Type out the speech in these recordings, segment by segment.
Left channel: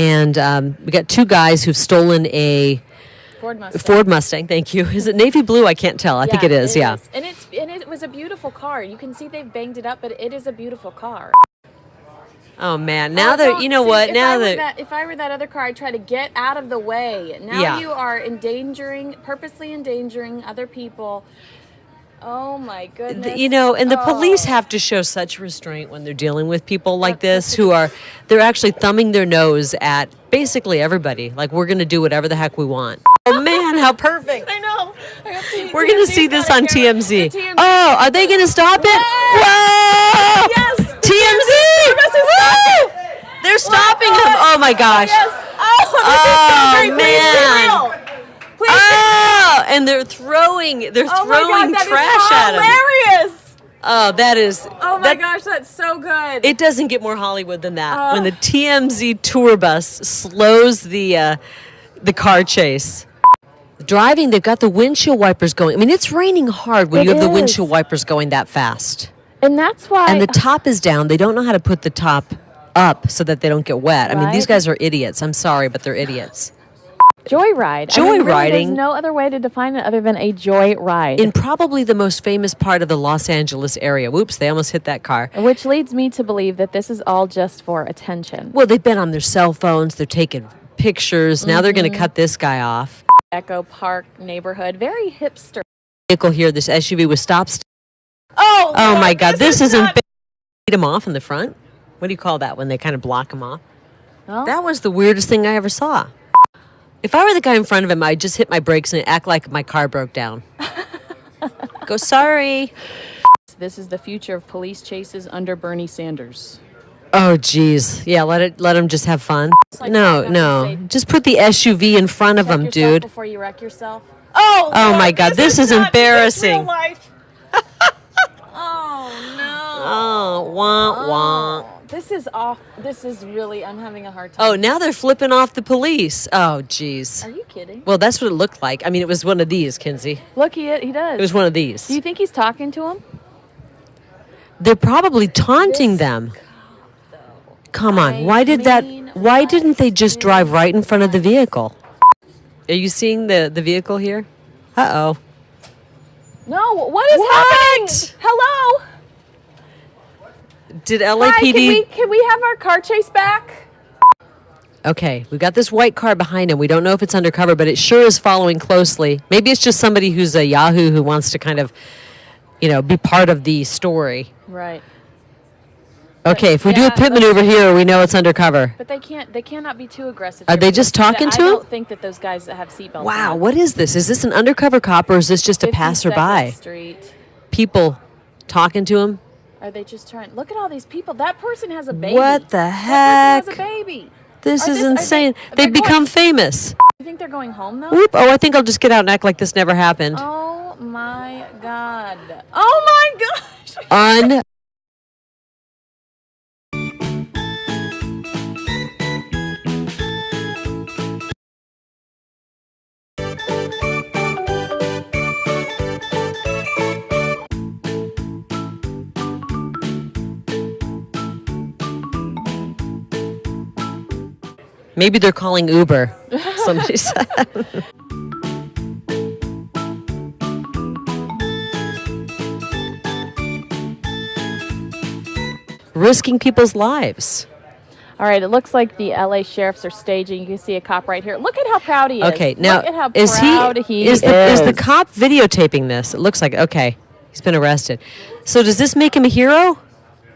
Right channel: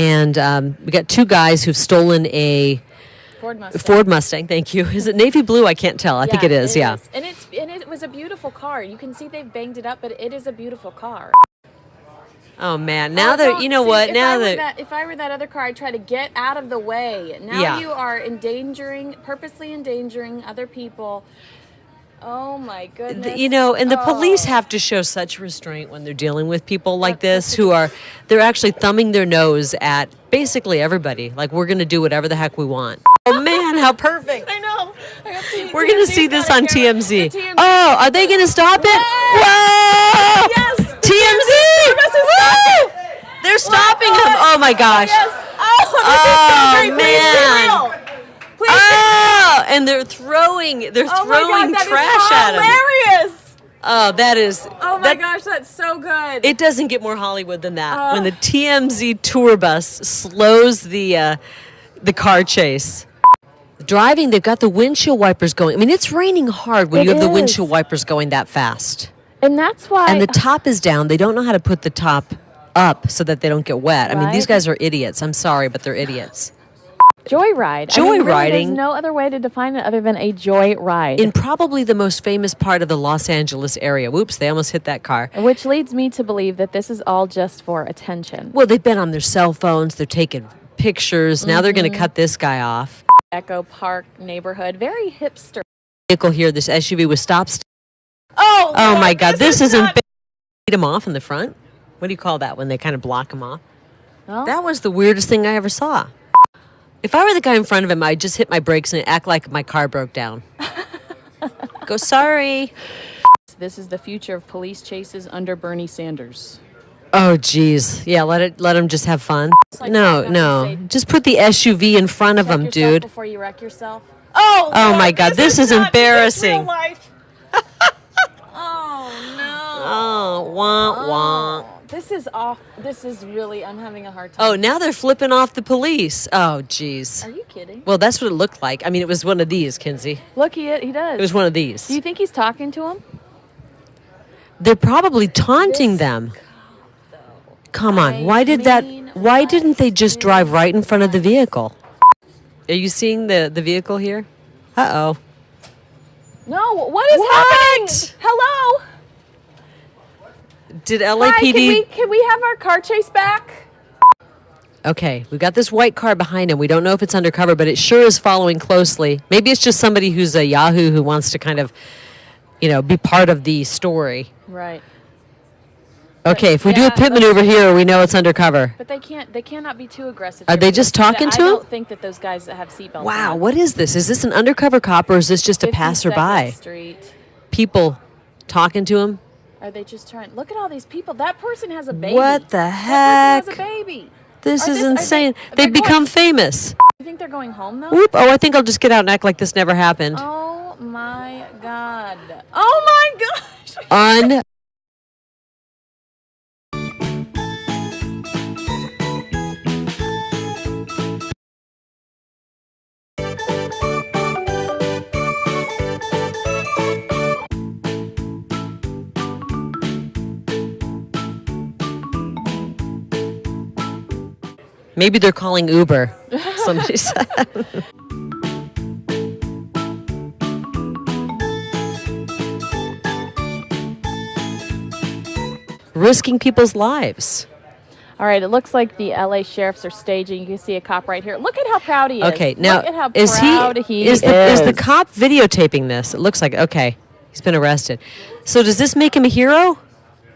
And we got two guys who've stolen a Ford Mustang. Thank you. Is it navy blue? I can't tell. I think it is. Yeah. And it was a beautiful car. You can see they've banged it up, but it is a beautiful car. Oh man! Now that you know what? Now that if I were that other car, I'd try to get out of the way. Now you are purposely endangering other people. Oh my goodness! You know, and the police have to show such restraint when they're dealing with people like this, they're actually thumbing their nose at basically everybody. Like, we're going to do whatever the heck we want. Oh man, how perfect! I know. We're going to see this on TMZ. Oh, are they going to stop it? Whoa! Yes. TMZ! Woo! They're stopping him. Oh my gosh! Oh man! Oh, and they're throwing trash at him. Hilarious! Oh, that is. Oh my gosh, that's so good. It doesn't get more Hollywood than that. When the TMZ tour bus slows the car chase. Driving, they've got the windshield wipers going. I mean, it's raining hard when you have the windshield wipers going that fast. And that's why. And the top is down. They don't know how to put the top up so that they don't get wet. I mean, these guys are idiots. I'm sorry, but they're idiots. Joyride. Joyriding. There's no other way to define it other than a joyride. In probably the most famous part of the Los Angeles area. Whoops, they almost hit that car. Which leads me to believe that this is all just for attention. Well, they've been on their cell phones. They're taking pictures. Now they're going to cut this guy off. Echo Park neighborhood. Very hipster. Vehicle here, this SUV was stopped. Oh my God. This isn't beat him off in the front. What do you call that when they kind of block him off? Well, that was the weirdest thing I ever saw. If I were the guy in front of him, I'd just hit my brakes and act like my car broke down. Go, sorry. This is the future of police chases under Bernie Sanders. Oh, geez. Yeah, let him just have fun. No. Just put the SUV in front of him, dude. Before you wreck yourself. Oh my God. This is embarrassing. Oh, no. Oh, wah, wah. This is off. I'm having a hard time. Oh, now they're flipping off the police. Oh, geez. Are you kidding? Well, that's what it looked like. I mean, it was one of these, Kinsey. Look, he does. It was one of these. Do you think he's talking to him? They're probably taunting them. Come on. Why didn't they just drive right in front of the vehicle? Are you seeing the vehicle here? Uh-oh. No, what is happening? Hello? Did LAPD... Hi, can we have our car chase back? Okay, we got this white car behind him. We don't know if it's undercover, but it sure is following closely. Maybe it's just somebody who's a Yahoo who wants to kind of, be part of the story. Right. Okay, if we do a pit maneuver here, we know it's undercover. But they cannot be too aggressive. Are they just talking to him? I don't think that those guys that have seatbelts. Wow, what is this? Is this an undercover cop or is this just a passerby? Street. People talking to him? Are they just trying? Look at all these people. That person has a baby. What the heck? That person has a baby. This is insane. They've become famous. You think they're going home, though? Whoop. Oh, I think I'll just get out and act like this never happened. Oh, my God. Oh, my gosh. Maybe they're calling Uber. Somebody said. Risking people's lives. All right, it looks like the LA sheriffs are staging. You can see a cop right here. Look at how proud he is. Okay, now look at how proud he is. Is the cop videotaping this? It looks like, okay, he's been arrested. So does this make him a hero?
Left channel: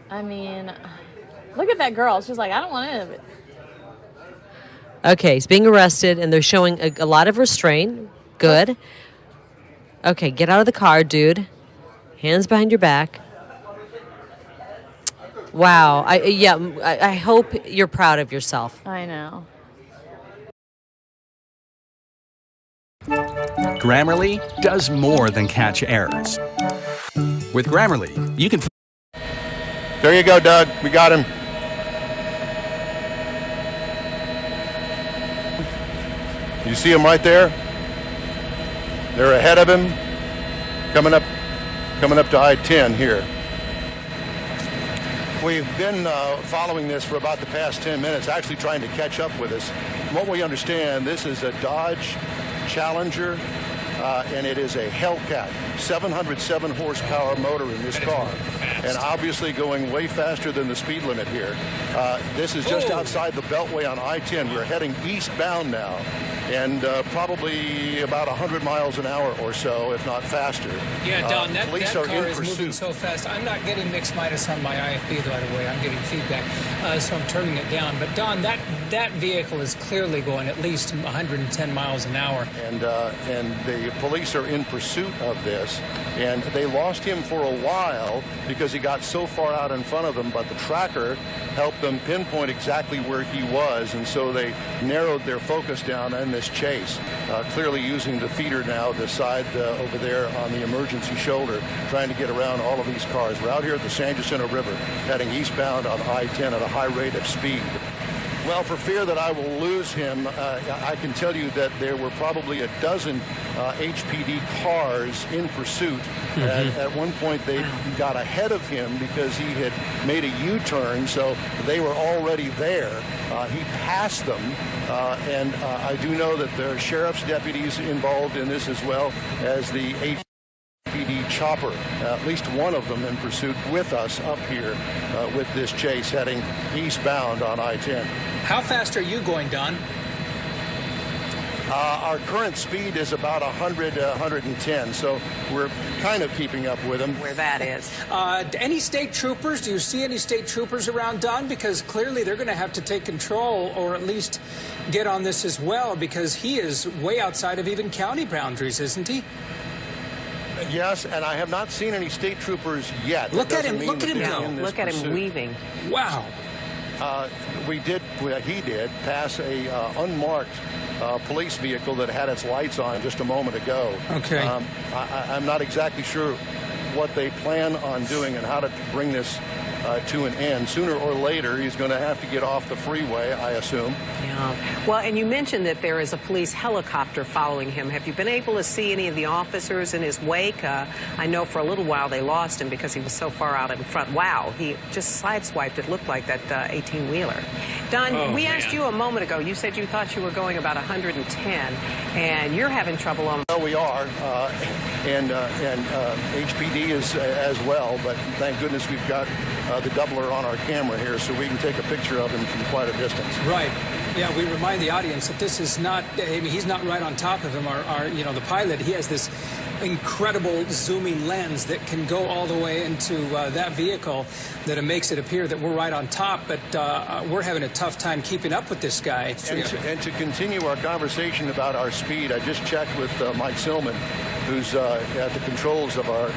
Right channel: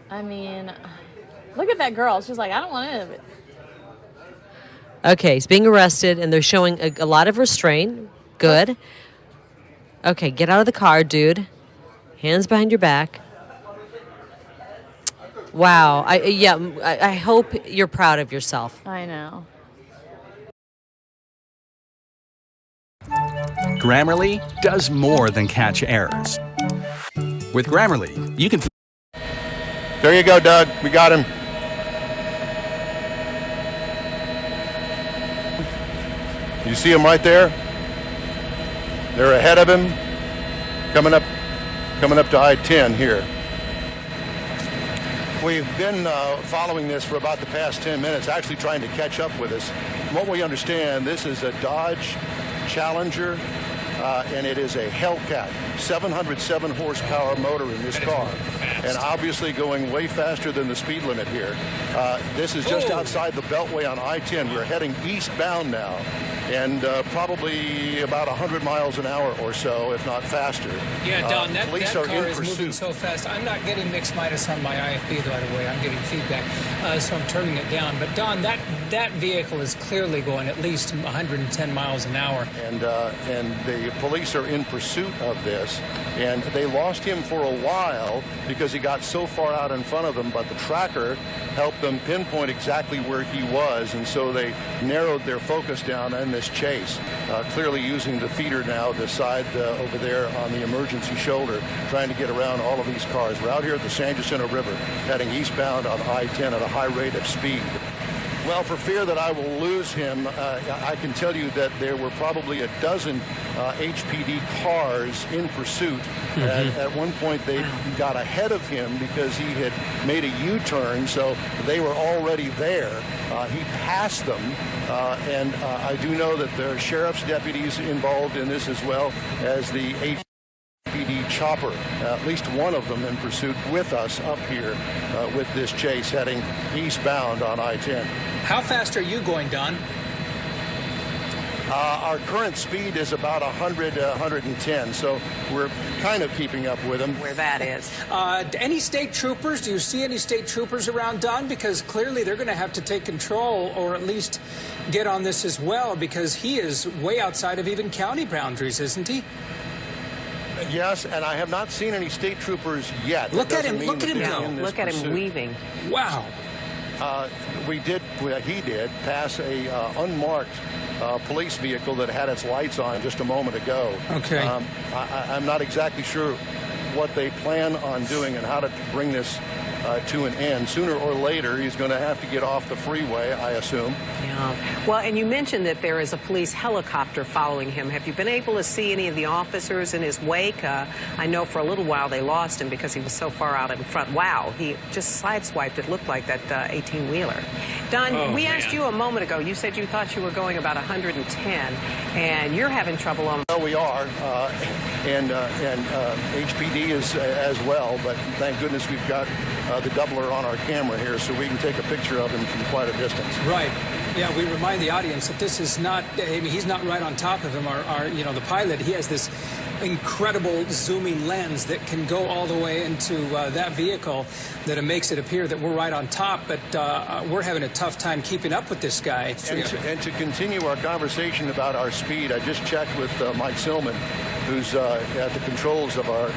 I mean, look at that girl. She's like, I don't want any of it. Okay, he's being arrested, and they're showing a lot of restraint. Good. Okay, get out of the car, dude. Hands behind your back. Wow. I hope you're proud of yourself. I know. Grammarly does more than catch errors. With Grammarly, you can... There you go, Doug. We got him. You see him right there? They're ahead of him, coming up to I-10 here. We've been following this for about the past 10 minutes, actually trying to catch up with us. From what we understand, this is a Dodge Challenger, and it is a Hellcat, 707 horsepower motor in this car, and obviously going way faster than the speed limit here. This is just outside the Beltway on I-10. We're heading eastbound now, and probably about 100 miles an hour or so, if not faster. Yeah, Don, that car is pursuit. moving so fast. I'm not getting mixed minus on my IFB, by the way. I'm getting feedback, so I'm turning it down. But, Don, that vehicle is clearly going at least 110 miles an hour. And the police are in pursuit of this, and they lost him for a while because he got so far out in front of them, but the tracker helped them pinpoint exactly where he was, and so they narrowed their focus down in this chase, clearly using the feeder now, the side over there on the emergency shoulder, trying to get around all of these cars. We're out here at the San Jacinto River, heading eastbound on I-10 at a high rate of speed. Well, for fear that I will lose him, I can tell you that there were probably a dozen HPD cars in pursuit. At one point, they got ahead of him because he had made a U-turn, so they were already there. He passed them, and I do know that there are sheriff's deputies involved in this as well as the HPD chopper, at least one of them in pursuit with us up here with this chase heading eastbound on I-10. How fast are you going, Don? Our current speed is about 100, 110, so we're kind of keeping up with him. Where that is. Any state troopers? Do you see any state troopers around, Don? Because clearly they're going to have to take control or at least get on this as well, because he is way outside of even county boundaries, isn't he? Yes, and I have not seen any state troopers yet. Look at him go. Look at him weaving. Wow. He did pass a unmarked police vehicle that had its lights on just a moment ago. Okay. I'm not exactly sure what they plan on doing and how to bring this to an end. Sooner or later, he's going to have to get off the freeway, I assume. Yeah. Well, and you mentioned that there is a police helicopter following him. Have you been able to see any of the officers in his wake? I know for a little while they lost him because he was so far out in front. Wow, he just sideswiped, it looked like, that 18-wheeler. Don, we asked you a moment ago, you said you thought you were going about 110, and you're having trouble on... Well, we are, and HPD is as well, but thank goodness we've got the doubler on our camera here so we can take a picture of him from quite a distance. Right. Yeah, we remind the audience that this is not, I mean, he's not right on top of him. The pilot, he has this incredible zooming lens that can go all the way into that vehicle that it makes it appear that we're right on top, but we're having a tough time keeping up with this guy. And to continue our conversation about our speed, I just checked with Mike Silman, who's at the controls of our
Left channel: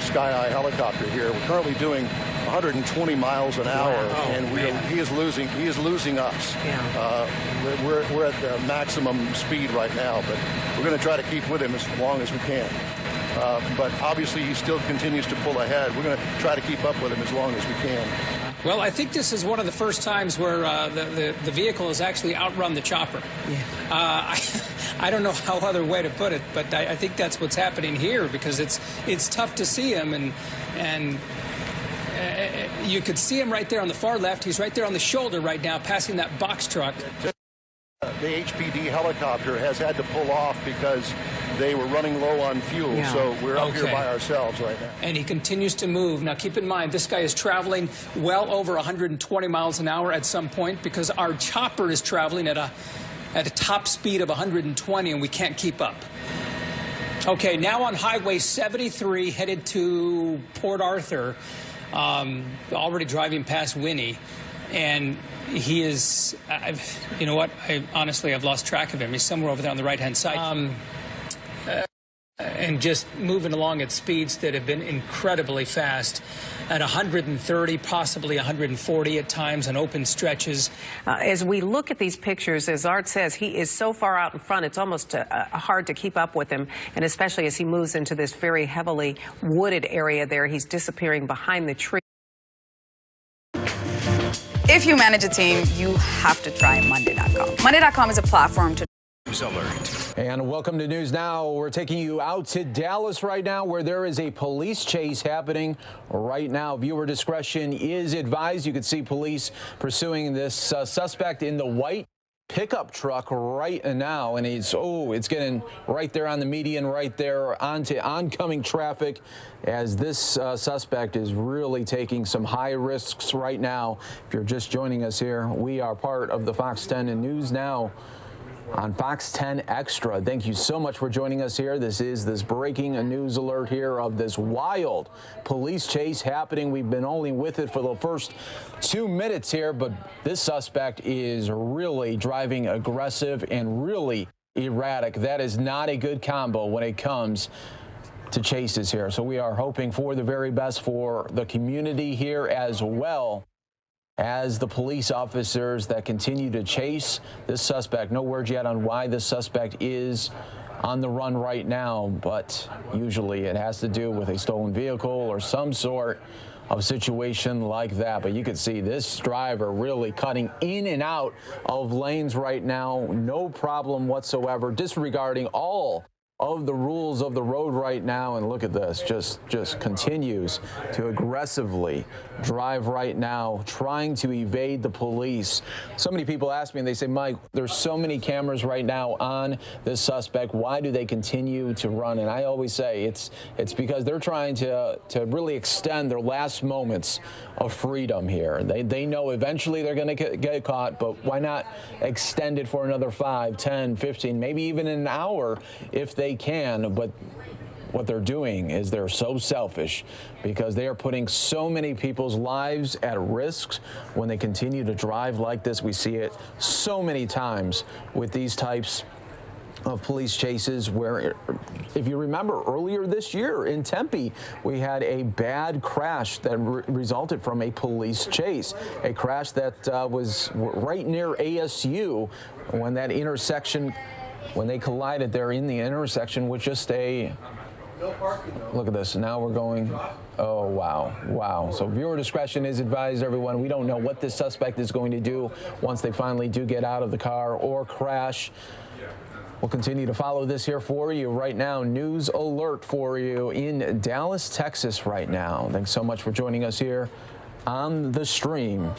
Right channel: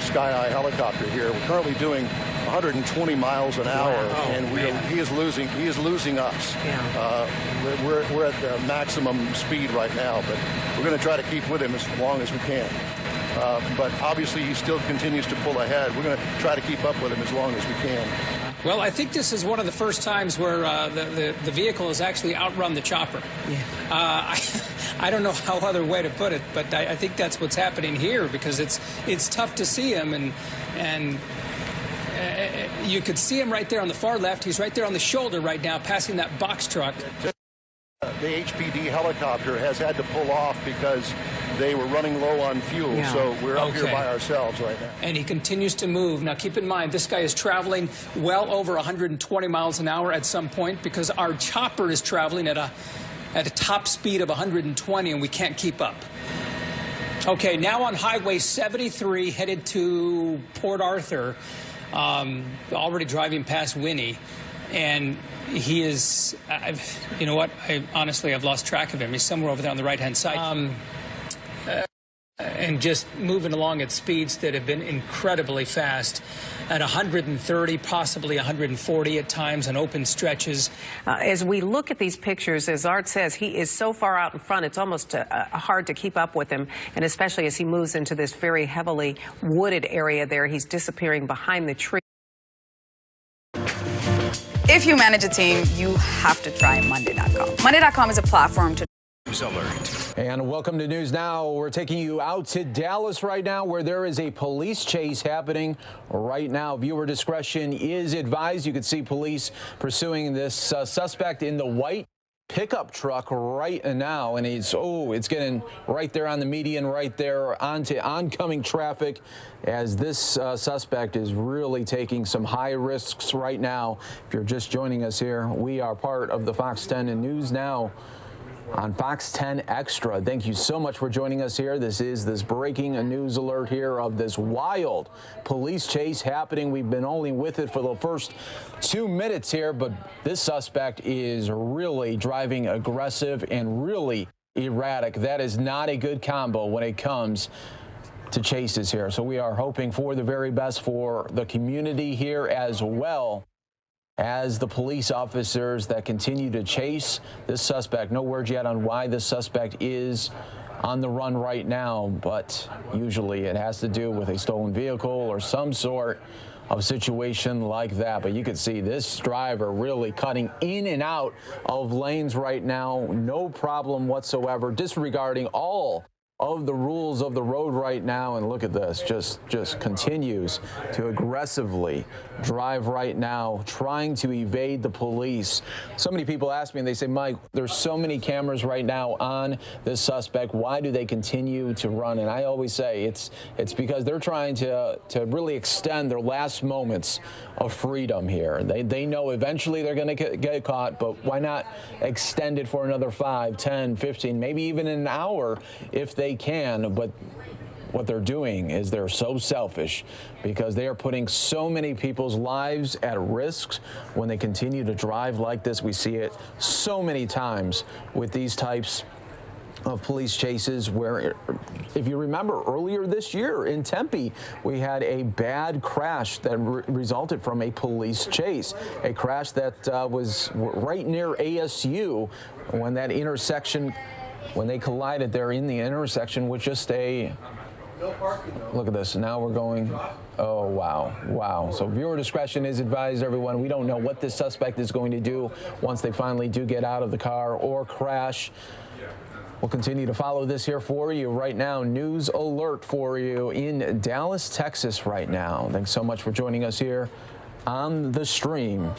Sky Eye helicopter here. We're currently doing 120 miles an hour, and he is losing us. Yeah. We're at the maximum speed right now, but we're going to try to keep with him as long as we can. But obviously, he still continues to pull ahead. We're going to try to keep up with him as long as we can. Well, I think this is one of the first times where the vehicle has actually outrun the chopper. Yeah. I don't know how other way to put it, but I think that's what's happening here, because it's tough to see him, and you could see him right there on the far left. He's right there on the shoulder right now, passing that box truck. The HPD helicopter has had to pull off because they were running low on fuel, so we're up here by ourselves right now. And he continues to move. Now, keep in mind, this guy is traveling well over 120 miles an hour at some point, because our chopper is traveling at a top speed of 120, and we can't keep up. Okay, now on Highway 73, headed to Port Arthur, already driving past Winnie, and he is, you know what, honestly, I've lost track of him. He's somewhere over there on the right-hand side. And just moving along at speeds that have been incredibly fast, at 130, possibly 140 at times on open stretches. As we look at these pictures, as Art says, he is so far out in front, it's almost hard to keep up with him, and especially as he moves into this very heavily wooded area there, he's disappearing behind the tree. If you manage a team, you have to try Monday.com. Monday.com is a platform to News Alert. And welcome to News Now. We're taking you out to Dallas right now, where there is a police chase happening right now. Viewer discretion is advised. You can see police pursuing this suspect in the white pickup truck right now, and it's getting right there on the median, right there onto oncoming traffic, as this suspect is really taking some high risks right now. If you're just joining us here, we are part of the Fox 10 and News Now on Fox 10 Extra. Thank you so much for joining us here. This is this breaking news alert here of this wild police chase happening. We've been only with it for the first 2 minutes here, but this suspect is really driving aggressive and really erratic. That is not a good combo when it comes to chases here. So we are hoping for the very best for the community here, as well as the police officers that continue to chase this suspect. No word yet on why this suspect is on the run right now, but usually it has to do with a stolen vehicle or some sort of situation like that. But you can see this driver really cutting in and out of lanes right now. No problem whatsoever, disregarding all of the rules of the road right now. And look at this, just continues to aggressively drive right now, trying to evade the police. So many people ask me, and they say, Mike, there's so many cameras right now on this suspect. Why do they continue to run? And I always say it's because they're trying to really extend their last moments of freedom here. They know eventually they're going to get caught, but why not extend it for another 5, 10, 15, maybe even an hour if they can. But what they're doing is they're so selfish, because they are putting so many people's lives at risk when they continue to drive like this. We see it so many times with these types of police chases, where, if you remember, earlier this year in Tempe, we had a bad crash that resulted from a police chase, a crash that was right near ASU, when that intersection, when they collided there in the intersection with just a, look at this, now we're going, oh, wow. So viewer discretion is advised, everyone. We don't know what this suspect is going to do once they finally do get out of the car or crash. We'll continue to follow this here for you right now. News alert for you in Dallas, Texas right now. Thanks so much for joining us here on the stream.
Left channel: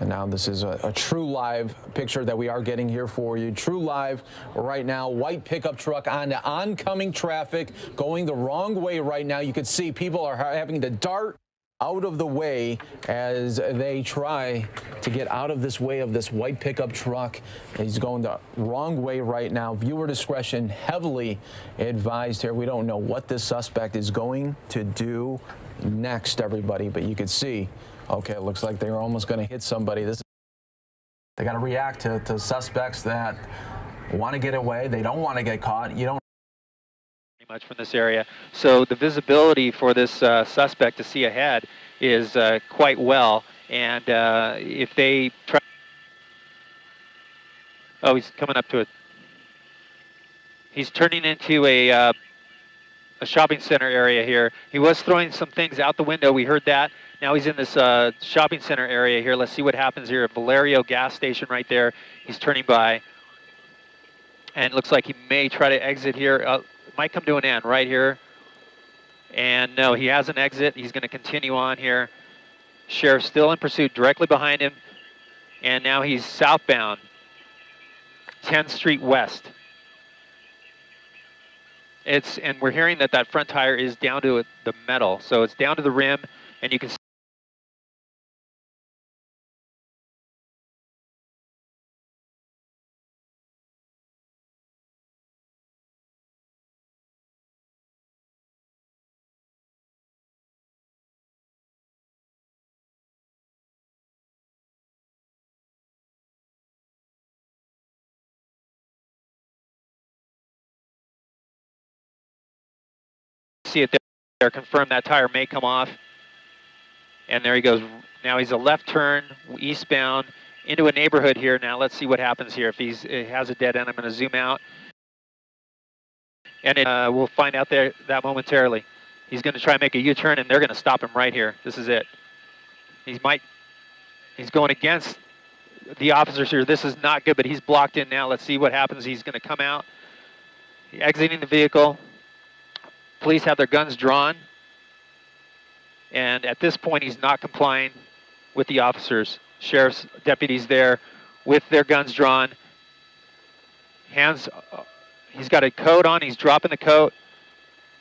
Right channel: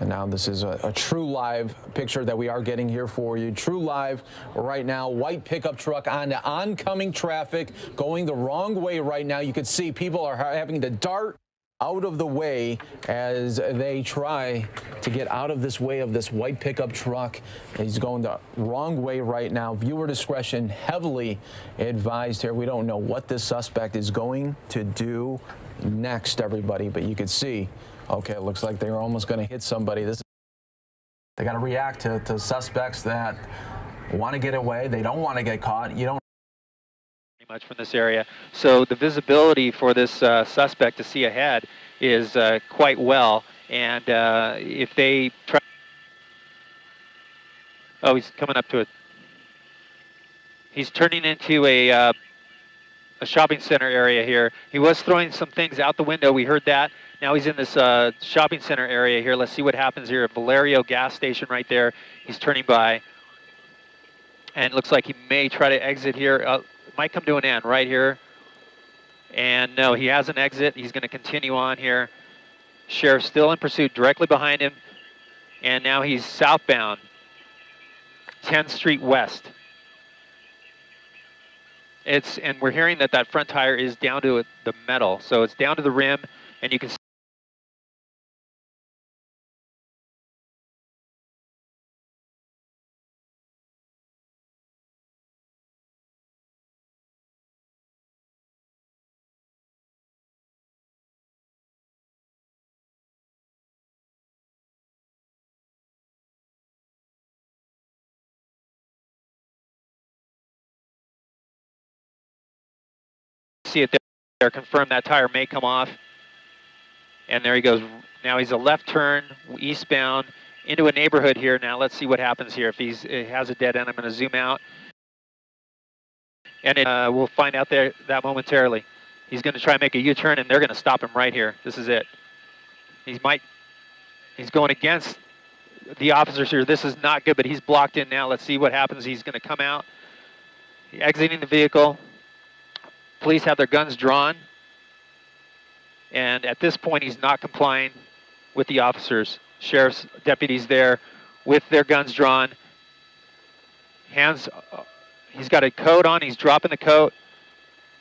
And now this is a true live picture that we are getting here for you. True live right now. White pickup truck on the oncoming traffic, going the wrong way right now. You can see people are having to dart out of the way as they try to get out of this way of this white pickup truck. He's going the wrong way right now. Viewer discretion heavily advised here. We don't know what this suspect is going to do next, everybody, but you can see, okay, it looks like they're almost going to hit somebody. They got to react to suspects that want to get away. They don't want to get caught. You don't much from this area, so the visibility for this suspect to see ahead is quite well, and if they try, oh, he's coming up to it. He's turning into a shopping center area here. He was throwing some things out the window. We heard that. Now he's in this shopping center area here. Let's see what happens here. Valerio gas station right there. He's turning by, and it looks like he may try to exit here. Might come to an end right here. And no, he has an exit. He's going to continue on here. Sheriff still in pursuit directly behind him. And now he's southbound, 10th Street West. And we're hearing that front tire is down to the metal. So it's down to the rim, and you can see it there, confirm that tire may come off. And there he goes. Now he's a left turn, eastbound, into a neighborhood here. Now let's see what happens here. If it has a dead end, I'm going to zoom out. And we'll find out that momentarily. He's going to try and make a U-turn, and they're going to stop him right here. This is it. He's going against the officers here. This is not good, but he's blocked in now. Let's see what happens. He's going to come out. Exiting the vehicle. Police have their guns drawn. And at this point, he's not complying with the officers. Sheriff's deputies there with their guns drawn. Hands, he's got a coat on. He's dropping the coat.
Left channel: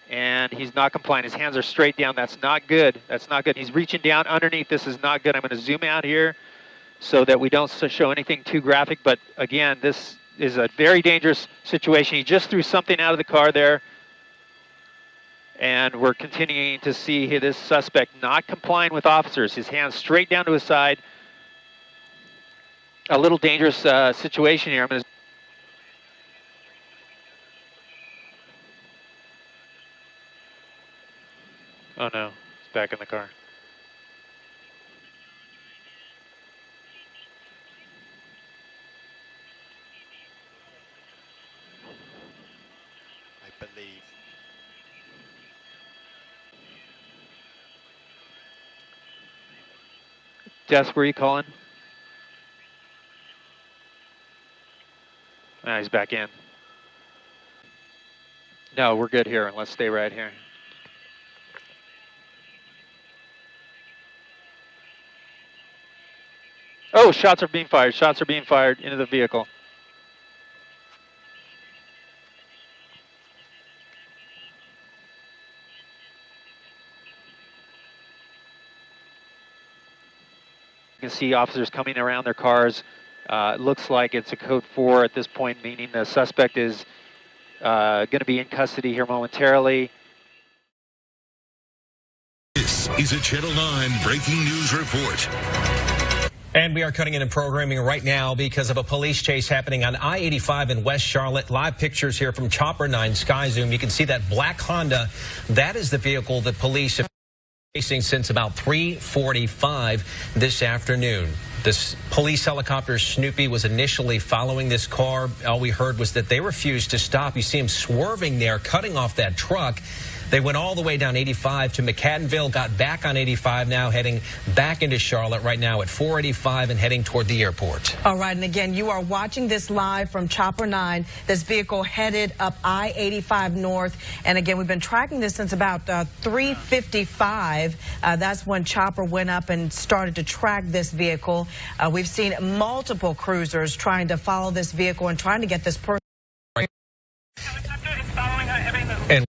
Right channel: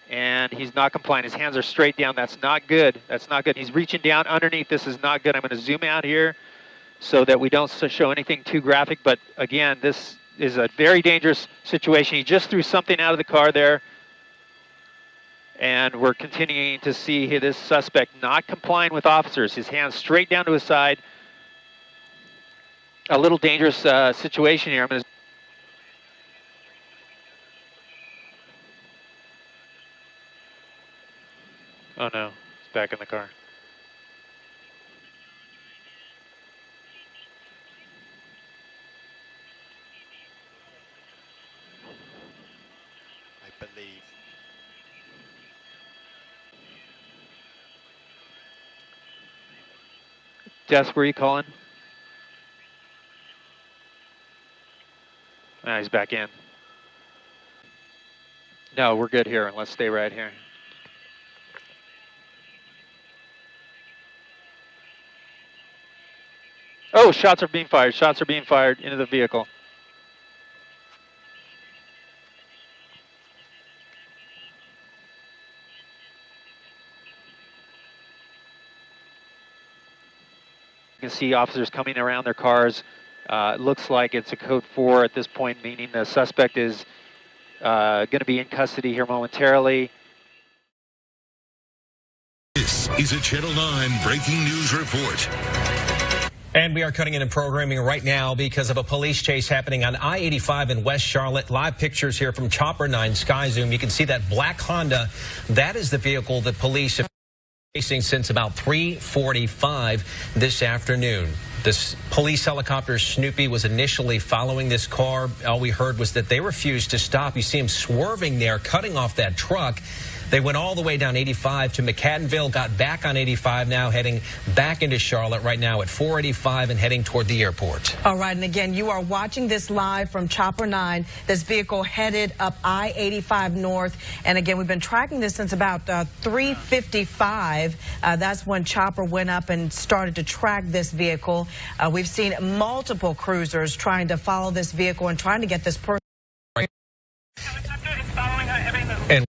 And he's not complying. His hands are straight down. That's not good. That's not good. He's reaching down underneath. This is not good. I'm going to zoom out here so that we don't show anything too graphic. But again, this is a very dangerous situation. He just threw something out of the car there. And we're continuing to see this suspect not complying with officers. His hands straight down to his side. A little dangerous situation here. I'm going to Oh no, it's back in the car. I believe. Jess, where are you calling? Ah, he's back in. No, we're good here. Let's stay right here. Oh, shots are being fired. Shots are being fired into the vehicle. You can see officers coming around their cars. It looks like it's a code 4 at this point, meaning the suspect is going to be in custody here momentarily. This is a Channel 9 breaking news report. And we are cutting into programming right now because of a police chase happening on I-85 in West Charlotte. Live pictures here from Chopper 9 Sky Zoom. You can see that black Honda. That is the vehicle that police have been chasing since about 3:45 this afternoon. This police helicopter, Snoopy, was initially following this car. All we heard was that they refused to stop. You see him swerving there, cutting off that truck. They went all the way down 85 to McAdenville, got back on 85 now, heading back into Charlotte right now at 485 and heading toward the airport. All right, and again, you are watching this live from Chopper 9. This vehicle headed up I-85 North. And again, we've been tracking this since about 3:55. That's when Chopper went up and started to track this vehicle. We've seen multiple cruisers trying to follow this vehicle and trying to get this person. And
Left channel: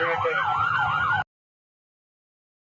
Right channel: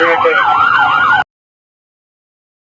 location.